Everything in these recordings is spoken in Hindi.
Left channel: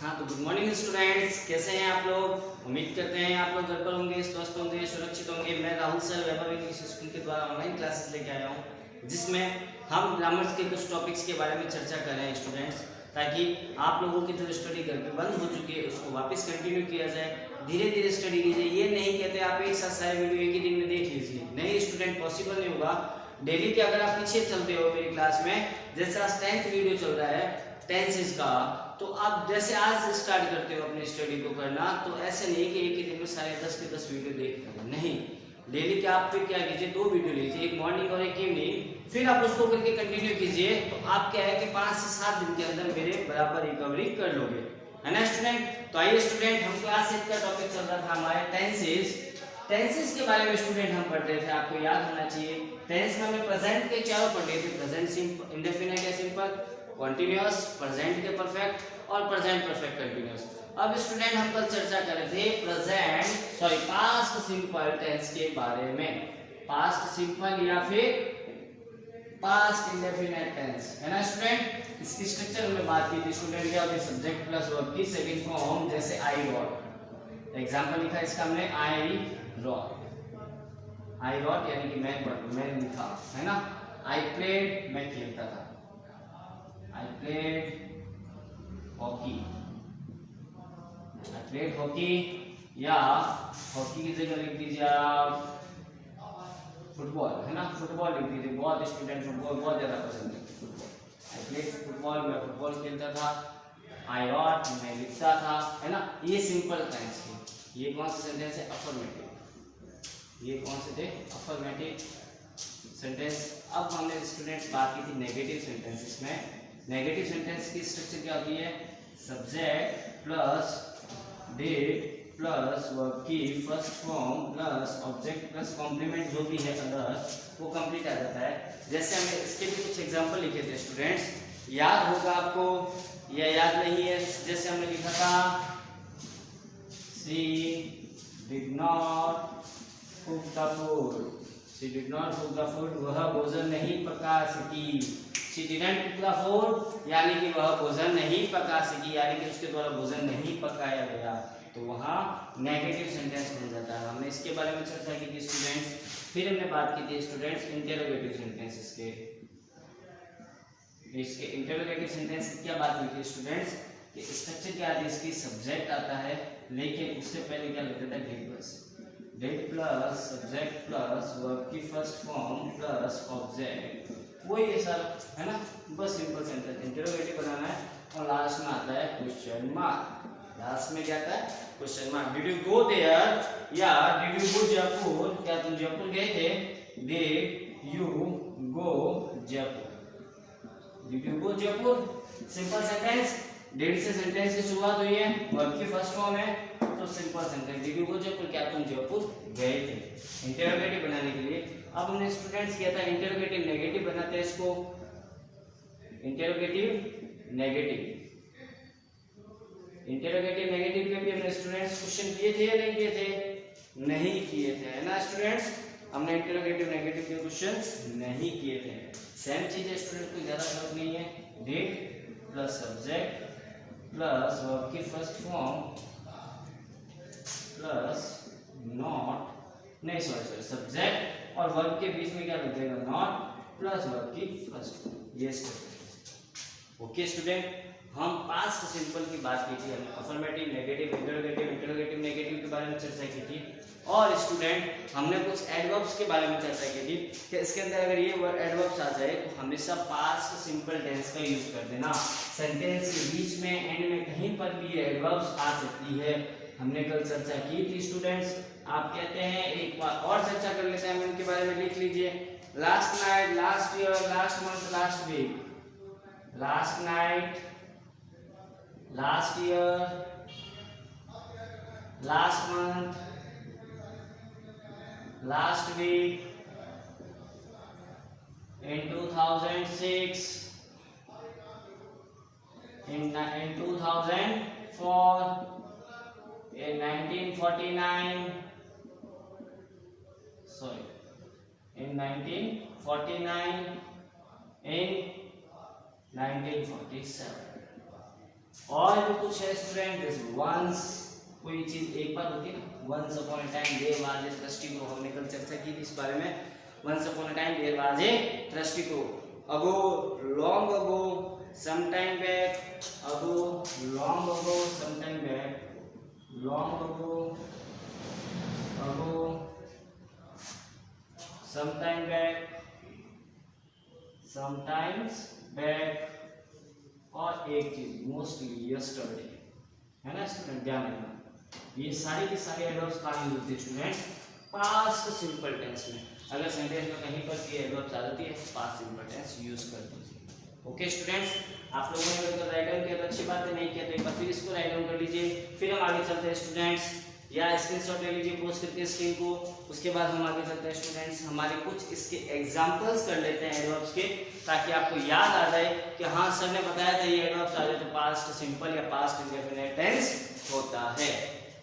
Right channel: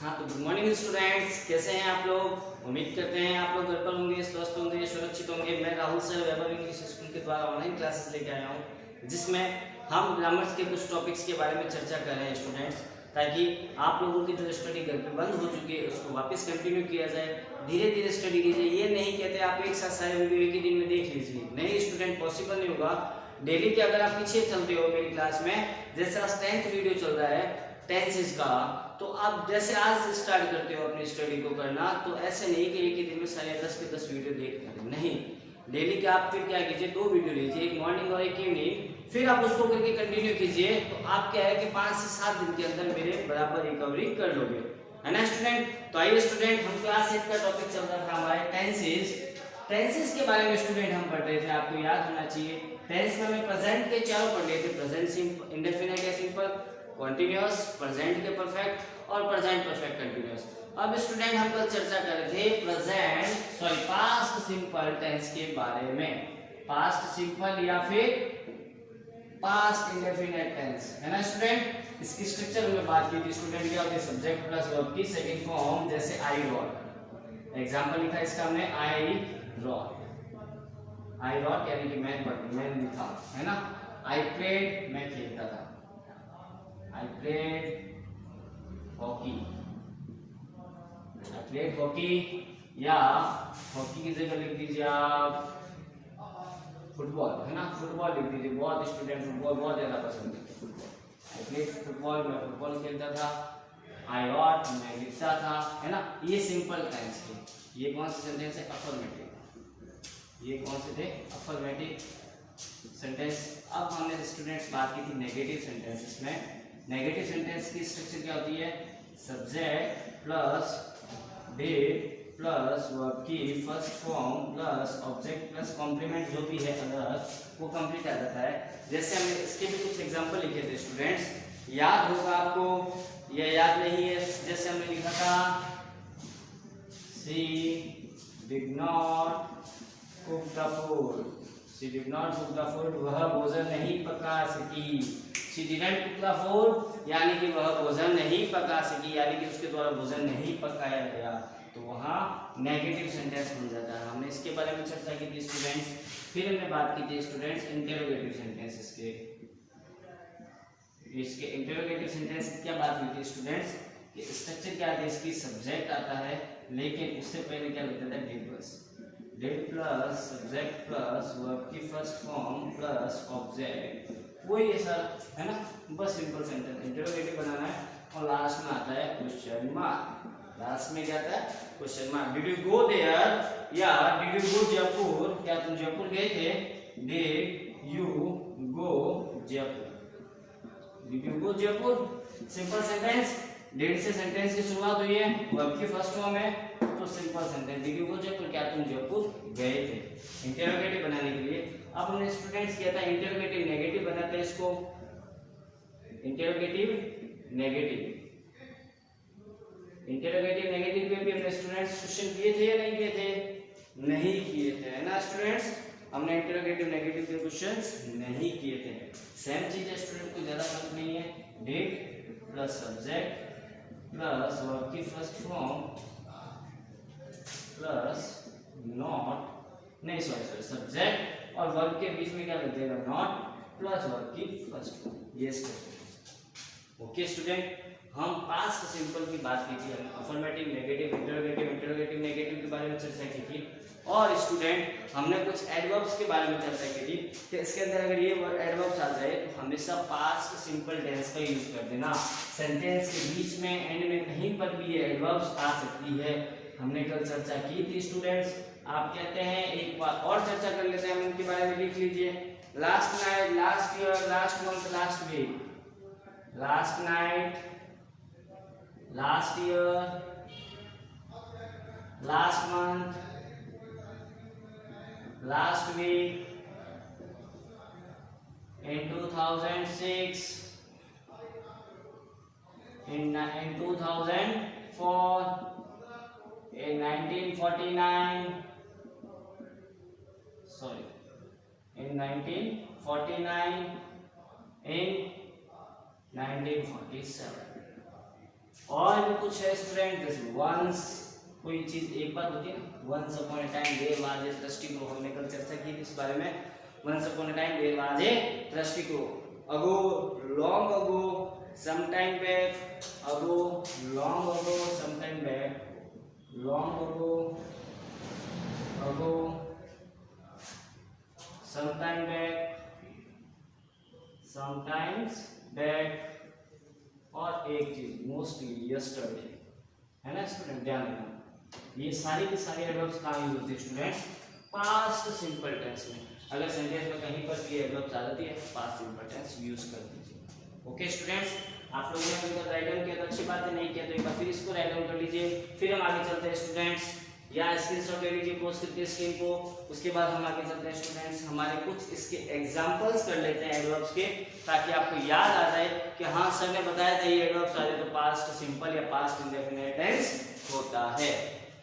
हाँ तो गुड मॉर्निंग स्टूडेंट्स, कैसे हैं आप लोग। उम्मीद करते हैं आप लोग घर पर होंगे, स्वस्थ होंगे, सुरक्षित होंगे। मैं राहुल सर वैभव इंग्लिश स्कूल के द्वारा ऑनलाइन क्लासेस लेके आया हूँ, जिसमें हम ग्रामर्स के कुछ टॉपिक्स के बारे में चर्चा कर रहे हैं स्टूडेंट्स, ताकि आप लोगों की जो स्टडी घर पे बंद हो चुकी है उसको वापस कंटिन्यू किया जाए। धीरे धीरे स्टडी कीजिए। ये नहीं कहते आप एक साथ सारे वीडियो एक ही दिन में देख लीजिए, नहीं स्टूडेंट, पॉसिबल नहीं होगा। डेली के अगर आप पीछे चलते हो मेरी क्लास में, जैसे आज 10th वीडियो चल रहा है टेंसेस का, तो आप जैसे आज स्टार्ट करते हो अपनी स्टडी को करना, तो ऐसे नहीं कि एक ही दिन में सारे 10 के 10 वीडियो देख करें, नहीं। डेली के आप फिर क्या कीजिए, 2 वीडियो लीजिए, एक मॉर्निंग और एक इवनिंग, फिर आप उसको करके कंटिन्यू कीजिए। तो आप क्या है कि 5 से 7 दिन के अंदर मेरे बराबर रिकवरी कर लोगे, है ना स्टूडेंट। तो आइए स्टूडेंट, हम क्लास 8 का टॉपिक चल रहा था हमारे टेंसेस। टेंसेस के बारे में स्टूडेंट हम पढ़ रहे थे, आपको याद होना चाहिए। टेंस में हमें प्रेजेंट के चारों पढ़ लिए थे, प्रेजेंट सिंपल, इंडेफिनिट या सिंपल, कॉन्टिन्यूअस, प्रेजेंट के परफेक्ट और प्रेजेंट परफेक्ट कंटिन्यूअस। अब स्टूडेंट हम कल चर्चा कर रहे थे पास्ट सिंपल टेंस के बारे में, पास्ट सिंपल या फिर पास्ट इंडेफिनिट टेंस, है ना स्टूडेंट। इसकी स्ट्रक्चर में बात की थी स्टूडेंट, क्या होती है, सब्जेक्ट प्लस वर्ब की सेकंड फॉर्म, जैसे आई रॉट। एग्जांपल लिखा इसका हमने, आई रॉट। आई रॉट यानी कि मैंने लिखा, है ना। आई प्लेड, मैं खेलता था। I played hockey. I played hockey, या हॉकी की जगह लिख दीजिए आप फुटबॉल, है ना, फुटबॉल लिख दीजिए। बहुत स्टूडेंट फुटबॉल बहुत ज्यादा पसंद करते हैं। फुटबॉल, आई प्लेड फुटबॉल, मैं फुटबॉल खेलता था। आई रॉट, मैं लिखता था, है ना। ये सिंपल टेंस थे। ये कौन से सेंटेंस है, अफर्मेटिव। ये कौन से थे, अफर्मेटिव सेंटेंस। अब हमने स्टूडेंट्स बात की थी नेगेटिव सेंटेंसेस में। नेगेटिव सेंटेंस की स्ट्रक्चर क्या होती है, subject plus did plus verb की first form plus object plus complement, जो भी है अदर, वो कंप्लीट आ जाता है। जैसे हमने इसके भी कुछ एग्जांपल लिखे थे स्टूडेंट्स, याद होगा आपको या याद नहीं है। जैसे हमने लिखा था, she did not cook the food. She did not cook the food, वह भोजन नहीं पका सकी। She didn't cook the food, यानी कि वह भोजन नहीं पका सकी, यानी कि उसके द्वारा भोजन नहीं पकाया गया, तो वहाँ नेगेटिव सेंटेंस बन जाता है। हमने इसके बारे में चर्चा की थी स्टूडेंट्स। फिर हमने बात की थी स्टूडेंट्स इंटेरोगेटिव सेंटेंसेस के। इसके इंटेरोगेटिव सेंटेंस की क्या बात हुई थी स्टूडेंट्स, कि स्ट्रक्चर क्या आती है इसकी, सब्जेक्ट आता है, लेकिन उससे पहले क्या लगता था, डिड बस। Did plus subject plus verb की फर्स्ट फॉर्म प्लस ऑब्जेक्ट, वही है सर, है ना। बस सिंपल सेंटेंस इंटरोगेटिव बनाना है, और लास्ट में आता है क्वेश्चन मार्क। लास्ट में क्या आता है, question mark. Did you go there, या डिड यू गो जयपुर, क्या तुम जयपुर गए थे। Did you go Jaipur, did you go Jaipur, simple sentence. Did से सेंटेंस की शुरुआत हुई है, वर्ब की फर्स्ट फॉर्म है, तो simple sentence, did you go Jaipur, क्या तुम जयपुर गए थे। इंटरोगेटिव बनाने के लिए अब हमने स्टूडेंट्स किया था इंटरोगेटिव नेगेटिव बनाते हैं इसको, इंटरोगेटिव नेगेटिव। इंटरोगेटिव नेगेटिव पे भी हमने स्टूडेंट्स क्वेश्चन किए थे या नहीं किए थे, नहीं किए थे, है ना स्टूडेंट्स। हमने इंटरोगेटिव नेगेटिव के क्वेश्चंस नहीं किए थे। सेम चीज है स्टूडेंट, कोई ज्यादा फर्क नहीं है। Did plus subject plus verb की फर्स्ट फॉर्म प्लस नॉट, नहीं सॉरी सब्जेक्ट और वर्ब के बीच में क्या लग जाएगा, नॉट प्लस वर्ब की फर्स्ट फॉर्म, ये स्ट्रक्चर। ओके स्टूडेंट, हम पास्ट सिंपल की बात की थी, हमने affirmative, negative, interrogative, interrogative negative के बारे में चर्चा की थी। और स्टूडेंट हमने कुछ एडवर्ब्स के बारे में चर्चा की थी कि इसके अंदर अगर ये वर्ड एडवर्ब्स आ जाए तो हमेशा पास्ट सिंपल टेंस का यूज कर देना। सेंटेंस के बीच में, एंड में कहीं पर भी ये एडवर्ब्स आ सकती है, हमने कल चर्चा की थी स्टूडेंट्स। आप कहते हैं एक बार और चर्चा कर लेते हैं, हम इनके बारे में लिख लीजिए। Last night, last year, last month, last week. Last night, last year, last month, last week, in 2006, in 2004, in 1949, sorry, in 1949, in 1947. और भी कुछ है स्टूडेंट, जैसे वंस, कोई चीज एक बार होती है ना, once upon a time there was a thirsty crow, हमने कल चर्चा की थी इस बारे में। Once upon a time there was a thirsty crow, ago, long ago, some time back, ago, long ago, some time back, long ago, ago, some time back, sometimes back, और एक चीज मोस्टली यस्टरडे, है ना स्टूडेंट, ध्यान रखना। ये सारी की सारी एडवर्ब्स कहाँ यूज होती है स्टूडेंट, पास्ट सिंपल टेंस में। अगर सेंटेंस में कहीं पर ये एडवर्ब्स आ जाती है, पास्ट सिंपल टेंस यूज कर दीजिए। ओके स्टूडेंट्स, आप लोगों ने अगर राइट डाउन किया तो अच्छी बात है, नहीं किया तो एक बार फिर इसको राइट डाउन कर लीजिए। फिर हम आगे चलते हैं स्टूडेंट्स, या स्क्रीनशॉट ले लीजिए पोस्ट करके स्क्रीन को। उसके बाद हम आगे चलते हैं स्टूडेंट्स, हमारे कुछ इसके एग्जांपल्स कर लेते हैं एडवर्ब्स के, ताकि आपको याद आ जाए कि हाँ सर ने बताया था ये एडवर्ब्स आ जाए तो पास्ट सिंपल या पास्ट इंडेफिनिट टेंस होता है।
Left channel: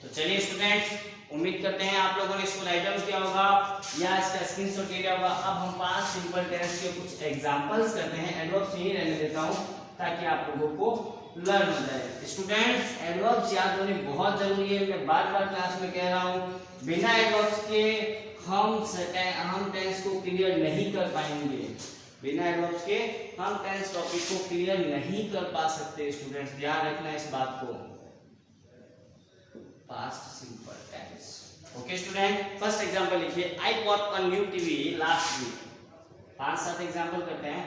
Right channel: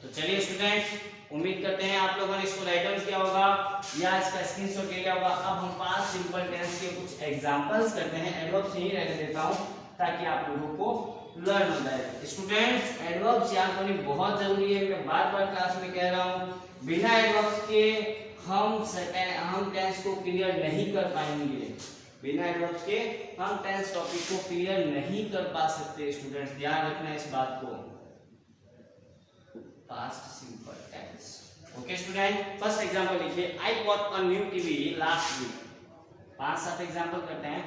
तो चलिए स्टूडेंट्स, उम्मीद करते हैं आप लोगों ने इसको राइट डाउन किया होगा या इसका स्क्रीनशॉट ले लिया होगा। अब हम पास्ट सिंपल टेंस के कुछ एग्जांपल्स करते हैं, एडवर्ब्स यही रहने देता हूं ताकि आप लोगों को लर्न हो जाए। स्टूडेंट्स, एडवर्ब्स याद होने बहुत जरूरी है, मैं बार-बार क्लास में कह रहा हूं। बिना एडवर्ब्स के हम टेंस को क्लियर नहीं कर पाएंगे, बिना एडवर्ब्स के हम टेंस टॉपिक को क्लियर नहीं कर पा सकते। स्टूडेंट्स ध्यान रखना इस बात को, past simple tense. Okay student, first example लिखिए, I bought a new TV last week. 5-7 example करते हैं।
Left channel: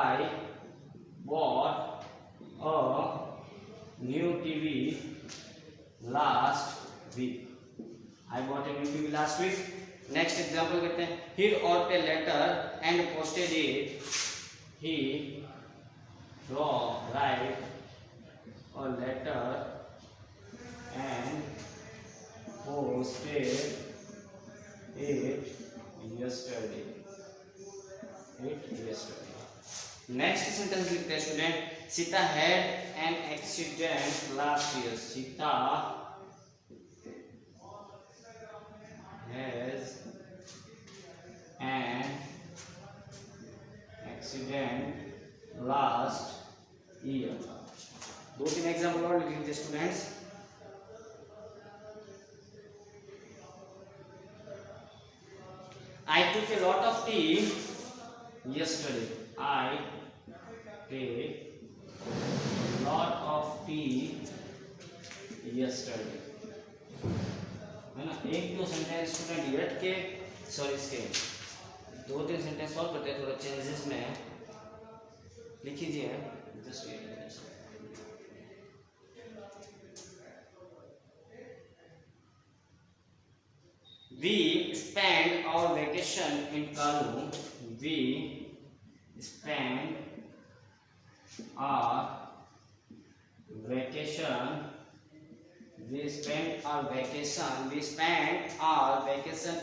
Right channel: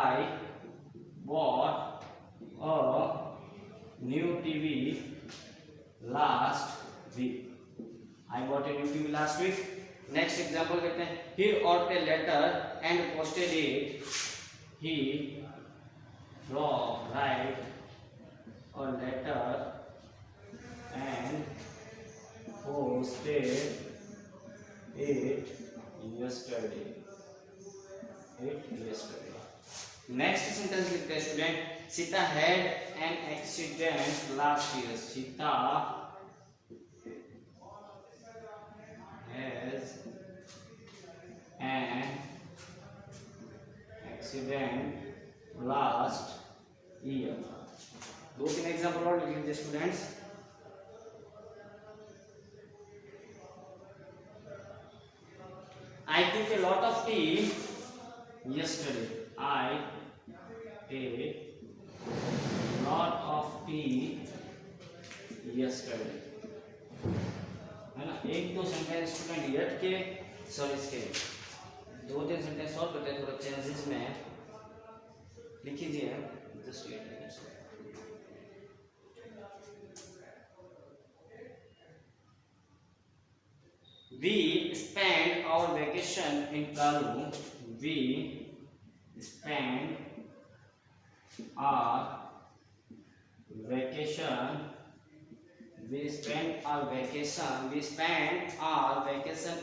I bought a new TV last week. I bought a new TV last week. Next example करते हैं, he wrote a letter and posted it. He wrote a letter and posted it yesterday. Next sentence लिखते हैं student, Sita had an accident last year. Sita has an accident last year. 2-3 example और लिख लीजिए students. I took a lot of tea yesterday. I took lot of tea yesterday, है ना। 1-2 सेंटेंस स्टूडेंट यट के, सॉरी इसके 2-3 सेंटेंस और करते हैं, थोड़ा चेंजेस में लिख लीजिए। Just wait, we spent our vacation in Kalu. We spent our vacation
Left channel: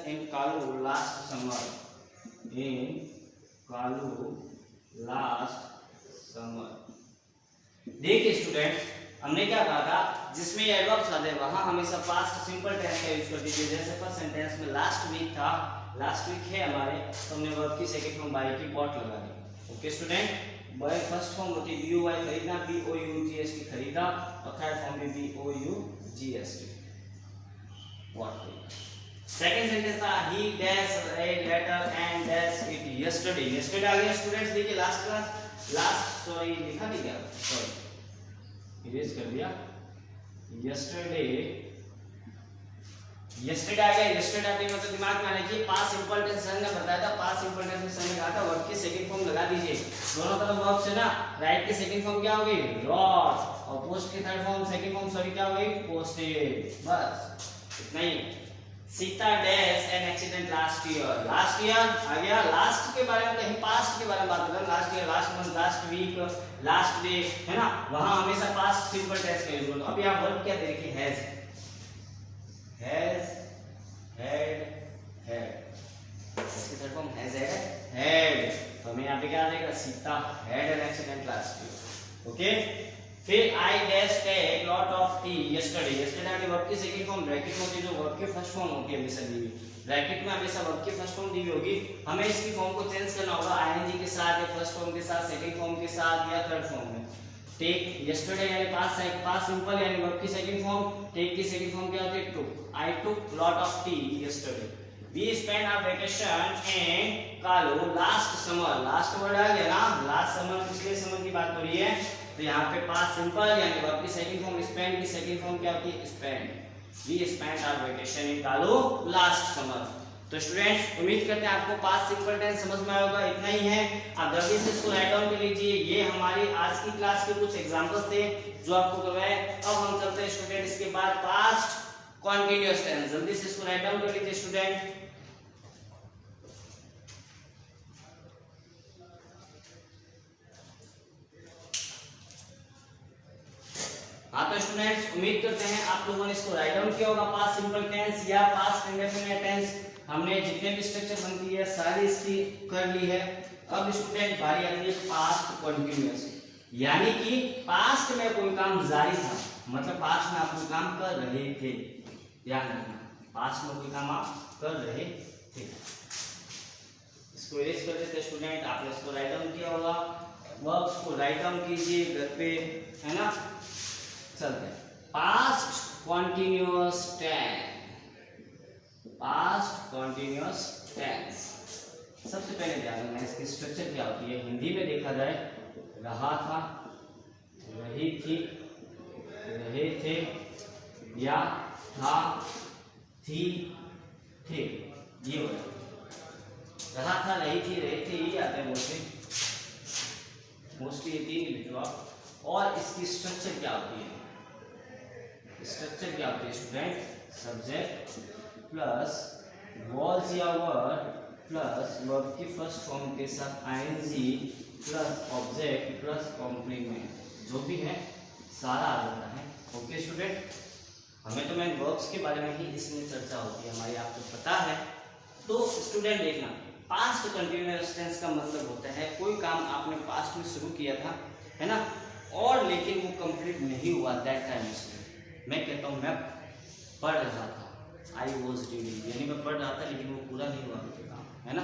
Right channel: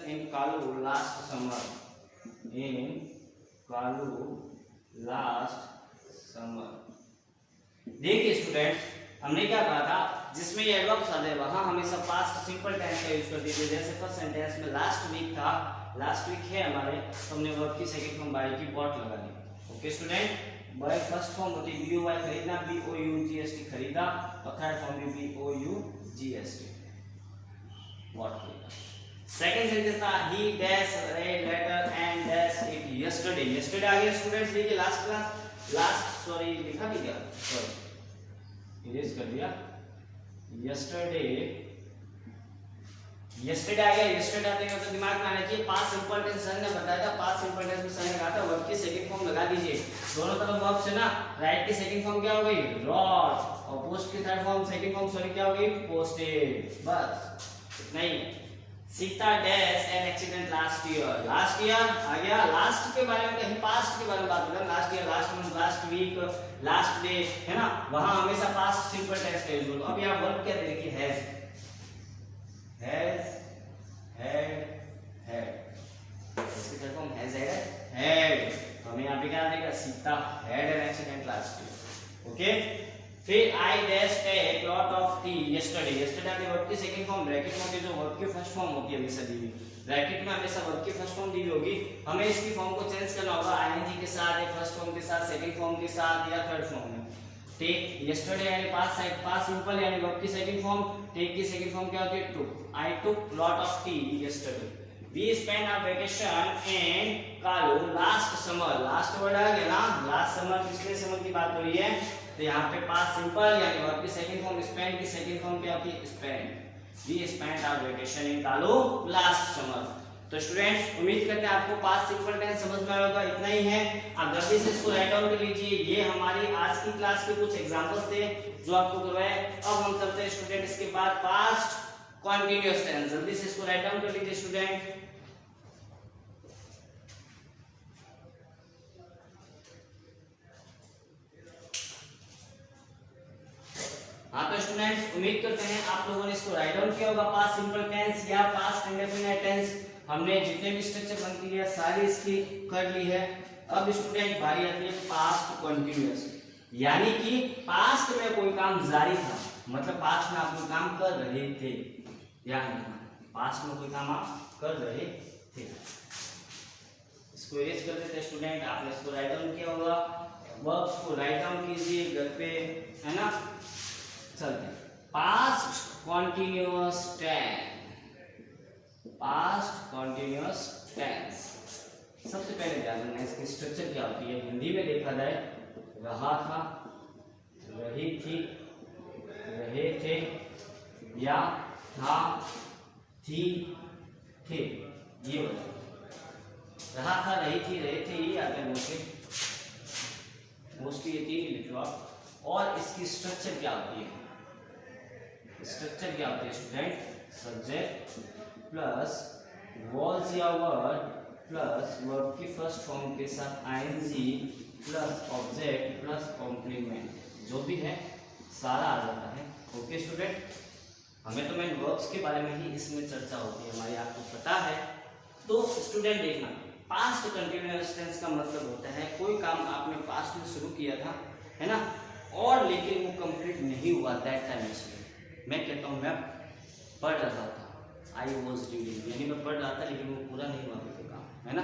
in Kalu last summer. देखिए स्टूडेंट, हमने क्या कहा था, जिसमें ये एडवर्ब्स आ जाए वहां हमेशा पास्ट सिंपल टेंस का यूज कर दीजिए। जैसे फर्स्ट सेंटेंस में लास्ट वीक था, लास्ट वीक है हमारे, तो हमने वर्ब की सेकंड फॉर्म बाय की बॉट लगा दी। Okay student, buy first form होती है बी ओ वाई खरीदना, B O U G H T खरीदा, और थर्ड फॉर्म भी B O U G H T bought खरीदा। सेकंड सेंटेंस था, he dash read letter and dash eat yesterday. Yesterday आ गया स्टूडेंट्स, देखिए लास्ट सॉरी लिखा नहीं क्या, सॉरी इरेज कर दिया। यस्टरडे आ गया, यस्टरडे आने मतलब दिमाग में आना चाहिए पास्ट सिंपल टेंस। सर ने बताया था पास्ट सिंपल टेंस में सर ने कहा था वर्ब की सेकंड फॉर्म लगा दीजिए। दोनों तरफ वर्ब से ना, राइट की सेकंड फॉर्म क्या हो गई, रॉट, और पोस्ट की third form second form sorry क्या हो गई, पोस्टेड। बस इतना ही। Sita dash an accident last year. Last year आ गया, लास्ट के बारे में कहीं पास्ट के बारे में बात कर, last year, last month, last week, last day, है ना, वहां हमेशा पास्ट सिंपल टेंस का यूज होगा। अब यहां वर्ब क्या दे रखी है, हैज, हैड, इसकी थर्ड फॉर्म हैज, हैड। तो हमें यहां पे क्या आ जाएगा, Sita had an accident last year. Okay, फिर I dash take lot of tea yesterday. Yesterday के वर्ब की सेकंड फॉर्म ब्रैकेट में होती है, जो वर्ब की फर्स्ट फॉर्म होती है हमेशा दी हुई, ब्रैकेट में हमेशा वर्ब की फर्स्ट फॉर्म दी हुई होगी। हमें इसकी फॉर्म को चेंज करना होगा आईएनजी के साथ, या फर्स्ट फॉर्म के साथ, सेकंड फॉर्म के साथ, या थर्ड फॉर्म में। टेक यस्टरडे यानी पास्ट सिंपल यानी वर्ब की सेकंड फॉर्म, टेक की सेकंड फॉर्म क्या होती है? Took. I took lot of tea yesterday. We spend our vacation in Kalu last summer. Last word आ गया ना, लास्ट समर पिछले समर की बात हो रही है, तो यहाँ पे पास्ट सिंपल यानी वर्ब की सेकंड फॉर्म, स्पेंड की सेकंड फॉर्म क्या होती है? Spend. We spend our vacation in Kalu last summer. तो स्टूडेंट्स उम्मीद करते हैं आपको पास्ट सिंपल टेंस समझ में आएगा। इतना ही है, आप जल्दी से इसको राइट डाउन कर लीजिए। ये हमारी आज की क्लास के कुछ एग्जांपल्स थे जो आपको करवाए। अब हम चलते हैं स्टूडेंट इसके बाद पास्ट कंटीन्यूअस टेंस। जल्दी से इसको राइट डाउन कर लीजिए स्टूडेंट। हाँ तो स्टूडेंट्स उम्मीद करते हैं आप लोगों ने इसको राइट डाउन किया होगा। पास्ट सिंपल टेंस या पास्ट इंडेफिनिट टेंस हमने जितने भी स्ट्रक्चर बनती है सारी इसकी कर ली है। अब स्टूडेंट बारी आती है पास्ट कंटीन्यूअस, यानी कि पास्ट में कोई काम जारी था, मतलब पास्ट में आप कोई काम कर रहे थे या नहीं, पास्ट में कोई काम आप कर रहे थे। इसको एज कर देते स्टूडेंट, आपने इसको राइट डाउन किया होगा। वर्ब्स को राइट डाउन कीजिए घर पे, है ना। चलते हैं past continuous tense. Past continuous tense सबसे पहले ध्यान देना इसकी स्ट्रक्चर क्या होती है। हिंदी में देखा जाए रहा था, रही थी, रहे थे, या था, थी, थे, ये हो जाए। रहा था, रही थी, रहे थे, ये आते हैं मोस्टली ये तीन ही लिखो आप। और इसकी स्ट्रक्चर क्या होती है? स्ट्रक्चर क्या होती है स्टूडेंट? सब्जेक्ट प्लस वॉज या वर्ड प्लस वर्ब की फर्स्ट फॉर्म के साथ ING plus object plus complement, जो भी है सारा आ जाता है। ओके स्टूडेंट, हमें तो मेन वर्ब्स के बारे में ही इसमें चर्चा होती है हमारी, आपको पता है। तो स्टूडेंट देखना, पास्ट कंटीन्यूअस टेंस का मतलब होता है कोई काम आपने पास्ट में शुरू किया था, है ना, और लेकिन वो कंप्लीट नहीं हुआ दैट टाइम से। मैं कहता हूँ मैं पढ़ रहा था, आई वॉज रीडिंग, यानी मैं पढ़ रहा था लेकिन वो पूरा नहीं हुआ मेरा काम, है ना।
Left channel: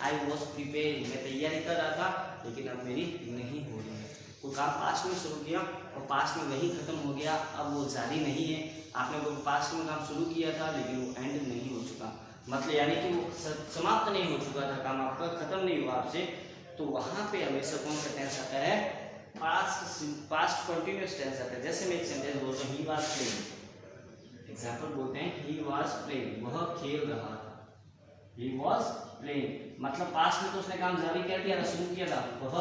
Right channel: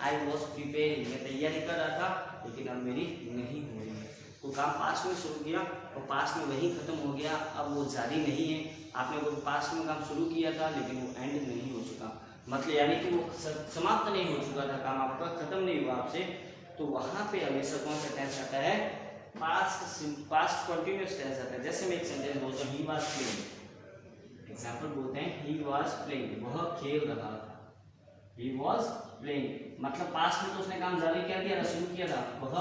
आई वॉज प्रिपेयरिंग, मैं तैयारी कर रहा था लेकिन अब मेरी नहीं हो रही है। कोई काम पास्ट में शुरू किया और पास्ट में वही खत्म हो गया, अब वो जारी नहीं है। आपने कोई पास्ट में काम शुरू किया था लेकिन वो एंड नहीं हो चुका, मतलब यानी कि वो समाप्त नहीं हो चुका था, काम आपका खत्म नहीं हुआ आपसे, तो वहाँ पे हमेशा कौन सा टेंस आता है? पास्ट कंटीन्यूअस टेंस आता है। जैसे मैं एक सेंटेंस बोलते हैं ही वाज प्लेइंग, एग्जांपल बोलते हैं ही वाज प्लेइंग, वह खेल रहा था। ही वाज प्लेइंग मतलब पास्ट में तो उसने काम जारी कर दिया था, शुरू किया था। वह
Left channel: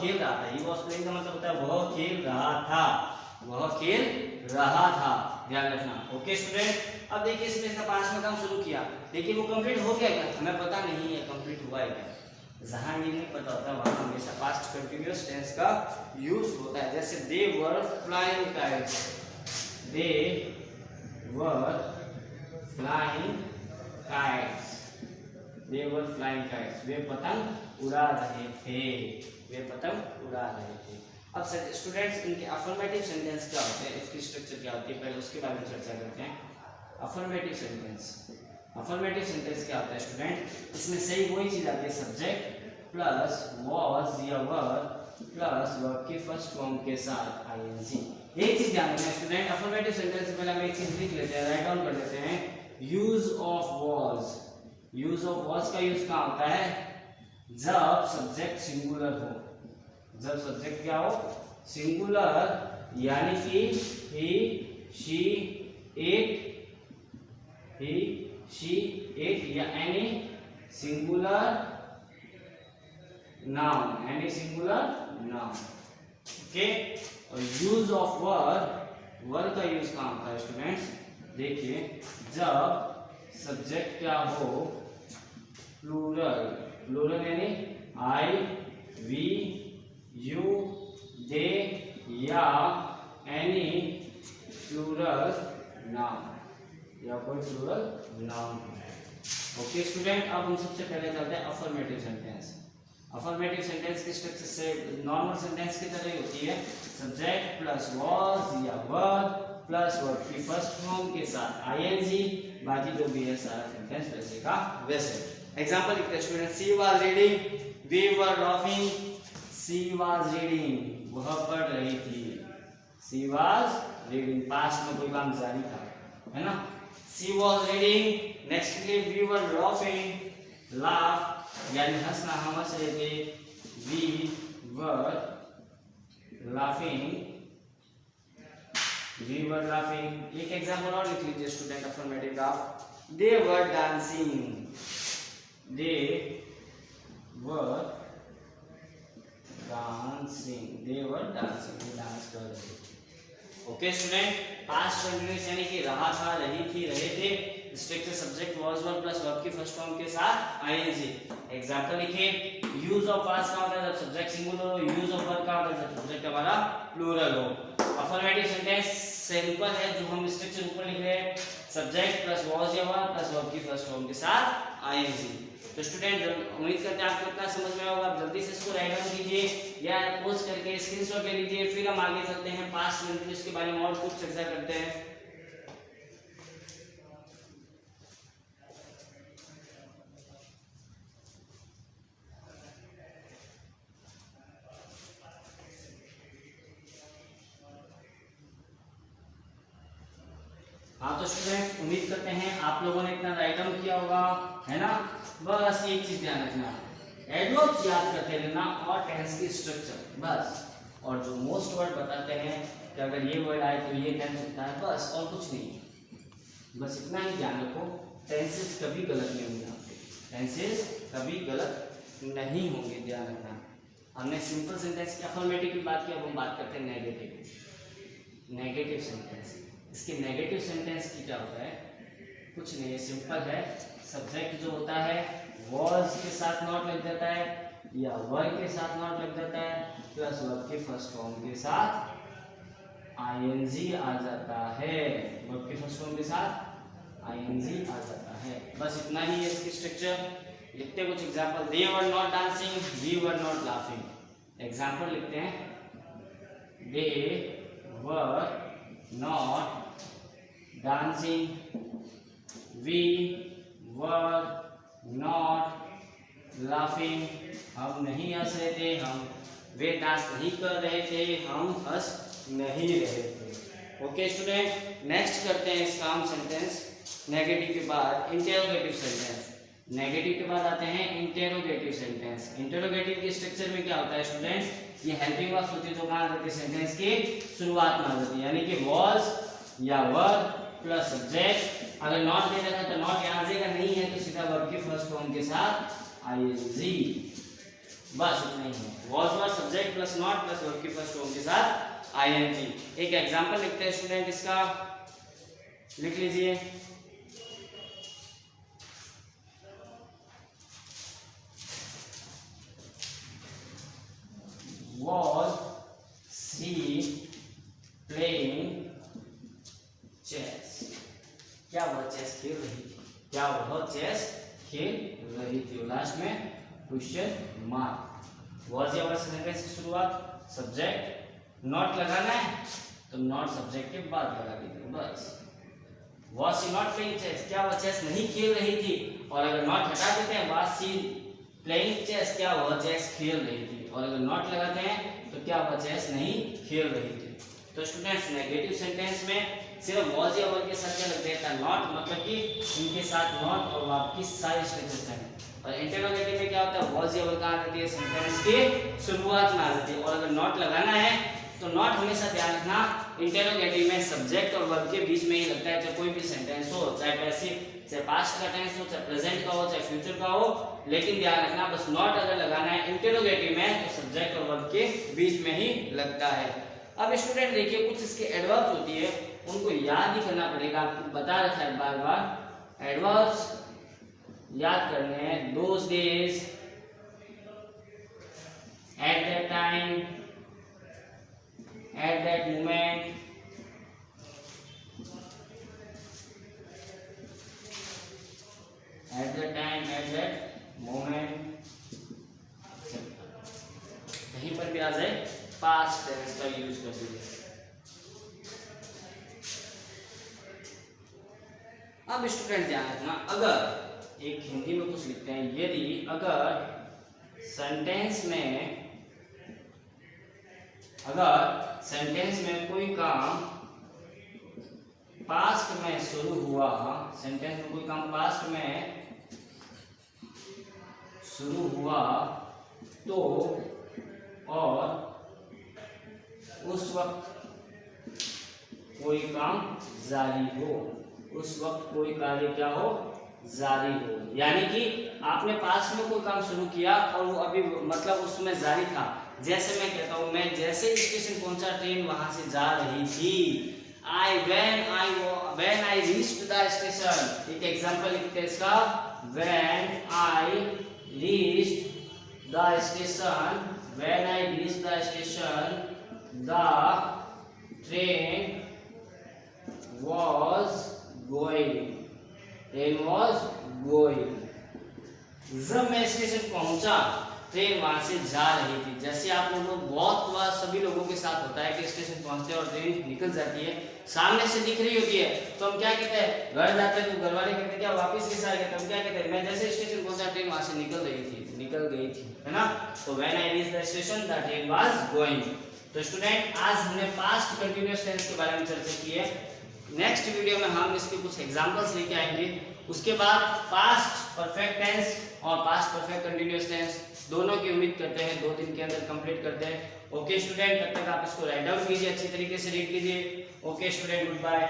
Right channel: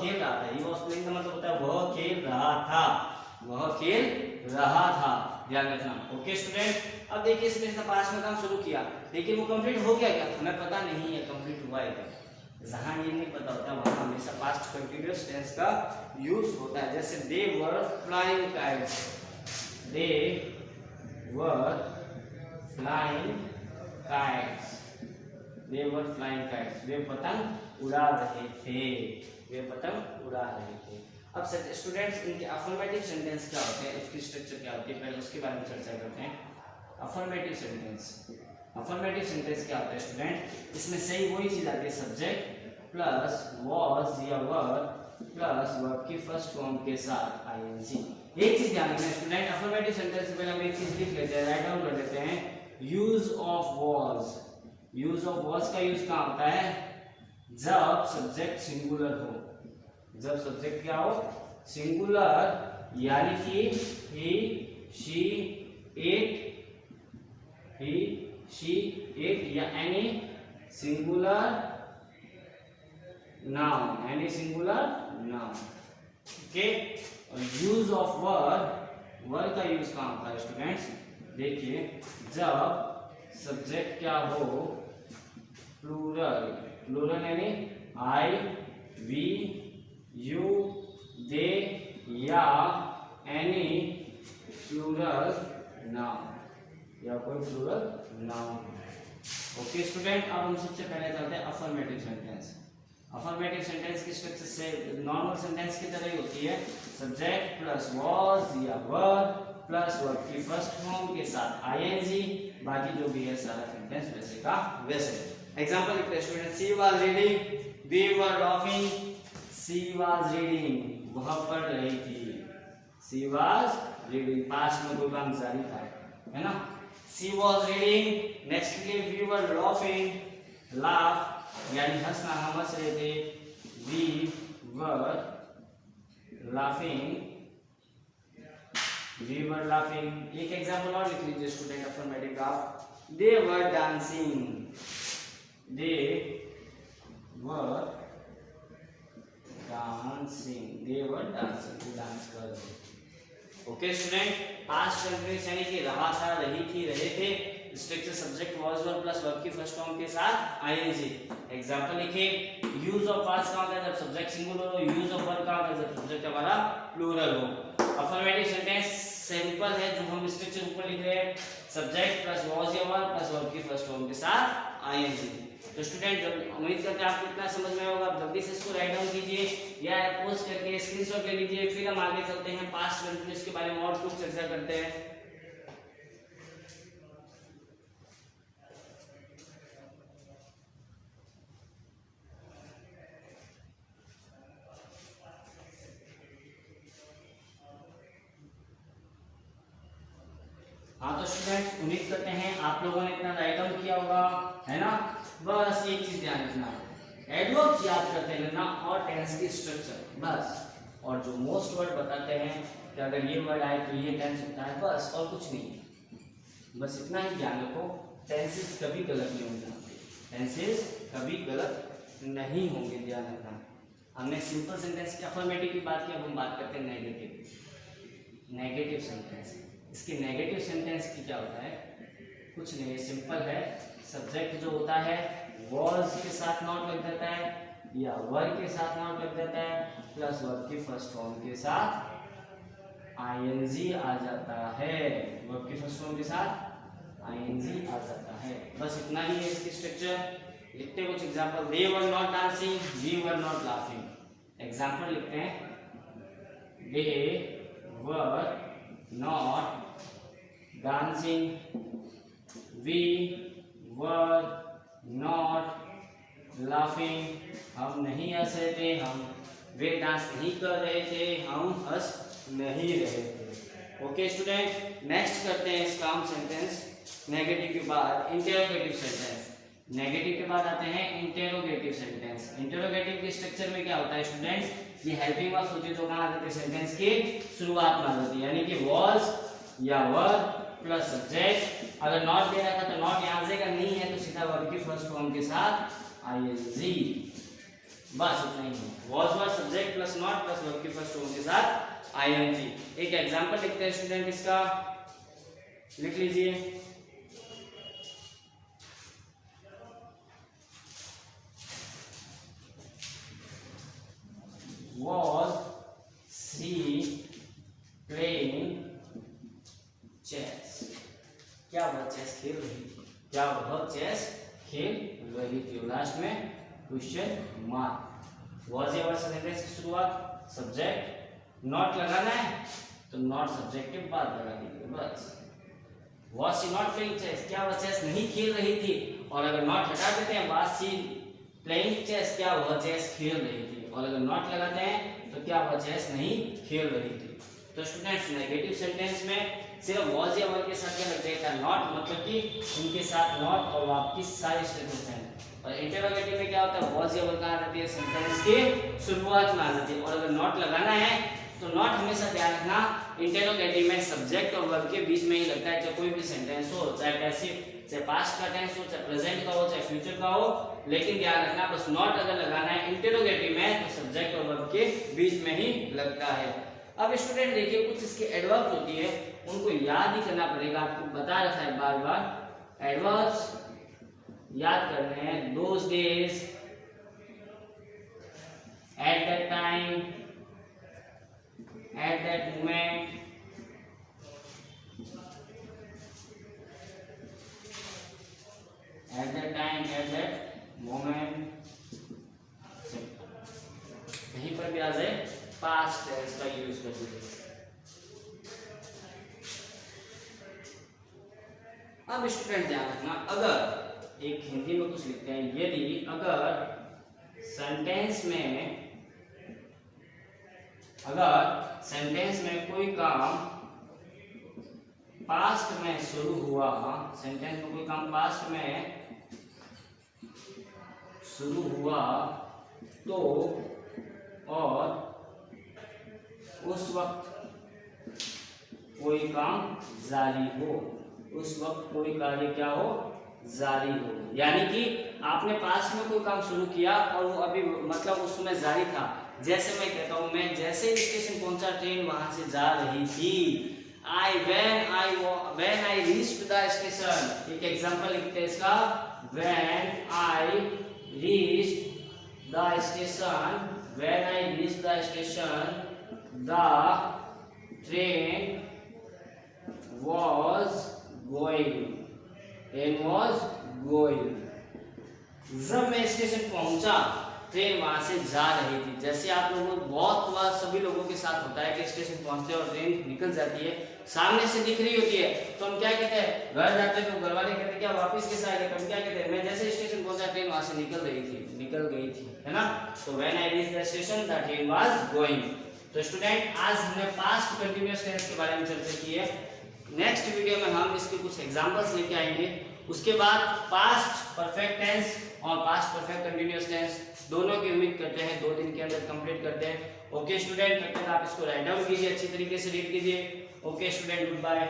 खेल रहा था। ही वाज प्लेइंग का मतलब होता है वह खेल रहा था, वह खेल रहा था, ध्यान रखना। ओके स्टूडेंट, अब देखिए इसने पास्ट में काम शुरू किया लेकिन वो कंप्लीट हो गया क्या? हमें पता नहीं है कंप्लीट हुआ है क्या। जहां ये नहीं पता होता वहां हमेशा पास्ट कंटीन्यूअस टेंस का यूज होता है। जैसे they were flying kites, they were flying kites, they were flying kites, वे पतंग उड़ा रहे थे, वे पतंग उड़ा रहे थे। अब स्टूडेंट्स इनके अफर्मेटिव सेंटेंस क्या होते हैं, इसकी स्ट्रक्चर क्या होती है, पहले उसके बारे में चर्चा करते हैं। अफर्मेटिव सेंटेंस, अफर्मेटिव सेंटेंस क्या होता है स्टूडेंट? इसमें सही वही चीज आती है, सब्जेक्ट प्लस वॉज या वर्ब प्लस वर्ब की फर्स्ट फॉर्म के साथ आईएनजी। एक चीज ध्यान रखना स्टूडेंट, अफर्मेटिव सेंटेंस से पहले हम एक चीज लिख लेते हैं, राइट डाउन कर देते हैं। Use of was, use of was का यूज कहाँ होता है? जब सब्जेक्ट सिंगुलर हो, जब सब्जेक्ट क्या हो? सिंगुलर, यानी कि he she it, he she it या any singular noun, any singular noun. Okay, और यूज ऑफ वर्ब, वर्ब का यूज कहाँ होता है स्टूडेंट्स? देखिए जब सब्जेक्ट क्या हो? प्लूरल, प्लूरल यानी आई, वी, यू, दे या एनी प्लूरल नाउन, या कोई प्लूरल नाउन। ओके स्टूडेंट, अब हम सबसे पहले चलते हैं अफर्मेटिव सेंटेंस। अफर्मेटिव सेंटेंस की स्ट्रक्चर से नॉर्मल सेंटेंस की तरह ही होती है, सब्जेक्ट प्लस वॉज या वर्ब प्लस वर्ब की फर्स्ट फॉर्म के साथ आईएनजी, बाकी जो भी है सारा सेंटेंस वैसे का वैसे। एग्जांपल लिखते हैं student, she was reading, we were laughing, she was reading, वह पढ़ रही थी। शी वॉज रीडिंग, पास्ट में कोई काम जारी था, है ना। She was reading. नेक्स्ट के लिए वी वर लाफिंग, लाफ यानी हंसना, हम हंस रहे थे। We were laughing, we were laughing. एक एग्जाम्पल और लिख लीजिए स्टूडेंट अफर्मेटिव का। They were dancing, they were dancing, they were dancing, वो डांस कर रहे थे। ओके स्टूडेंट, पास्ट कंटिन्यूअस यानी कि रहा था, रही थी, रहे थे। Structure subject was were plus verb की फर्स्ट फॉर्म के साथ आईएनजी। एग्जांपल लिखिए। यूज ऑफ वाज का होता है जब सब्जेक्ट सिंगुलर हो, यूज ऑफ वर का होता है जब सब्जेक्ट हमारा प्लूरल हो। अफर्मेटिव सेंटेंस सिंपल है, जो हम स्ट्रक्चर ऊपर लिख रहे हैं, सब्जेक्ट प्लस वाज या वर प्लस वर्ब की फर्स्ट फॉर्म के साथ आईएनजी। तो स्टूडेंट उम्मीद करते हैं आपको इतना समझ में होगा। आप जल्दी से इसको राइट डाउन कीजिए या पोस्ट करके स्क्रीनशॉट ले लीजिए। फिर हम आगे चलते हैं, पास्ट कंटिन्यूअस के बारे में और कुछ चर्चा करते हैं। हाँ तो स्टूडेंट उम्मीद करते हैं आप लोगों ने इतना राइट डाउन किया होगा, है ना। बस एक चीज ध्यान रखना, एडवर्ब्स याद करते रहना और टेंस की स्ट्रक्चर बस। और जो मोस्ट वर्ड बताते हैं कि अगर ये वर्ड आए तो ये टेंस होता है, बस और कुछ नहीं। बस इतना ही ध्यान रखो, टेंसेस कभी गलत नहीं होंगे, टेंसेस कभी गलत नहीं होंगे, ध्यान रखना। हमने सिंपल सेंटेंस की अफर्मेटिव की बात की, अब हम बात करते हैं नेगेटिव। नेगेटिव सेंटेंस, इसके नेगेटिव सेंटेंस की क्या होता है, कुछ नहीं, सिंपल है। सब्जेक्ट जो होता है वॉज के साथ नॉट लग जाता है या वर के साथ नॉट लग जाता है, प्लस वर्ब के फर्स्ट फॉर्म के साथ आईएनजी आ जाता है। वर्ब के फर्स्ट फॉर्म के साथ आईएनजी आ जाता है, बस इतना ही है इसकी स्ट्रक्चर। लिखते हैं कुछ example. They were not dancing, we were not laughing. Example लिखते हैं। They were not dancing, we were not laughing, हम नहीं हंस रहे थे, हम वे डांस नहीं कर रहे थे, हम हंस नहीं रहे थे। ओके स्टूडेंट, नेक्स्ट करते हैं इसका हम सेंटेंस। नेगेटिव के बाद इंटेरोगेटिव सेंटेंस। नेगेटिव के बाद आते हैं इंटेरोगेटिव सेंटेंस। इंटेरोगेटिव के स्ट्रक्चर में क्या होता है स्टूडेंट्स, ये हेल्पिंग वर्ब्स होती है जो कहाँ आ जाती है, सेंटेंस की शुरुआत में आ जाती है। यानी कि was या वर प्लस सब्जेक्ट, अगर नॉट दे रखा तो नॉट यहाँ आएगा, नहीं है तो सीधा वर्ब की फर्स्ट फॉर्म के साथ आईएनजी, बस इतना ही है। was were subject plus not plus verb की फर्स्ट फॉर्म के साथ आईएनजी। एक एग्जांपल लिखते हैं स्टूडेंट, इसका लिख लीजिए। was she playing चेस, क्या वह चेस खेल रही थी, क्या वह चेस खेल रही थी। लास्ट में क्वेश्चन मार्क। वॉज या वर्ड सेंटेंस की शुरुआत सब्जेक्ट, नॉट लगाना है तो नॉट सब्जेक्ट के बाद लगा दीजिए, बस। Was she not playing chess, क्या वह चेस नहीं खेल रही थी, और अगर नॉट हटा देते हैं, वॉज शी प्लेइंग चेस, क्या वह चेस खेल रही थी, और अगर नॉट लगाते हैं तो क्या वह चेस नहीं खेल रही थी। तो स्टूडेंट्स नेगेटिव सेंटेंस में सिर्फ वॉज या वर के साथ क्या लग जाता है, नॉट, मतलब कि इनके साथ नॉट और आपकी सारी स्ट्रक्चर है। और इंटरोगेटिव में क्या होता है, वॉज या वर कहाँ आ जाती है, सेंटेंस के शुरुआत में आ जाती है। और अगर नॉट लगाना है तो नॉट हमेशा ध्यान रखना इंटरोगेटिव में सब्जेक्ट और वर्ब के बीच में ही लगता है, चाहे कोई भी सेंटेंस हो, चाहे पैसिव, चाहे पास्ट का टेंस हो, चाहे प्रेजेंट का हो, चाहे फ्यूचर का हो, लेकिन ध्यान रखना बस नॉट अगर लगाना है इंटरोगेटिव में तो सब्जेक्ट और वर्ब के बीच में ही लगता है। अब स्टूडेंट देखिए, कुछ इसके एडवर्ब्स होती है, उनको याद ही करना पड़ेगा, आपको बता रखा है बार बार। एडवर्ब्स याद करने हैं। Those days, at that time, at that moment, at that time, at that moment, कहीं पर भी आ जाए पास्ट टेंस का यूज कर दीजिए। अब स्टूडेंट ध्यान रखना, अगर एक हिंदी में कुछ लिखते हैं, यदि अगर सेंटेंस में अगर सेंटेंस में कोई काम पास्ट में शुरू हुआ, सेंटेंस में कोई काम पास्ट में शुरू हुआ तो और उस वक्त कोई काम जारी हो, उस वक्त कोई कार्य क्या हो, जारी हो। यानी कि आपने पास्ट में कोई काम शुरू किया और वो अभी मतलब उसमें जारी था। जैसे मैं कहता हूँ, मैं जैसे स्टेशन पहुंचा ट्रेन वहां से जा रही थी। when I reached the station, एक एग्जांपल लिखते हैं इसका, when I reached the station, the train was going. जब मैं स्टेशन पहुंचा ट्रेन वहां से जा रही थी। जैसे आप लोगों को बहुत बार सभी लोगों के साथ होता है कि स्टेशन पहुंचते हैं और ट्रेन निकल जाती है, सामने से दिख रही होती है, तो हम क्या कहते हैं, घर जाते हैं तो घर वाले कहते हैं क्या वापस किस आएगा, तो हम क्या कहते हैं, मैं जैसे स्टेशन पहुंचा ट्रेन वहां से निकल गई थी, है ना। तो when I reached the station the train was going. तो स्टूडेंट, आज हमने पास्ट कंटिन्यूअस टेंस के बारे में चर्चा की है। नेक्स्ट वीडियो में हम इसके कुछ एग्जांपल्स लेके आएंगे। उसके बाद पास्ट परफेक्ट टेंस और पास्ट परफेक्ट कंटिन्यूअस टेंस दोनों की उम्मीद करते हैं 2 दिन के अंदर कंप्लीट करते हैं। ओके स्टूडेंट, तब तक आप इसको राइट डाउन कीजिए, अच्छी तरीके से रीड कीजिए। Okay student, good bye.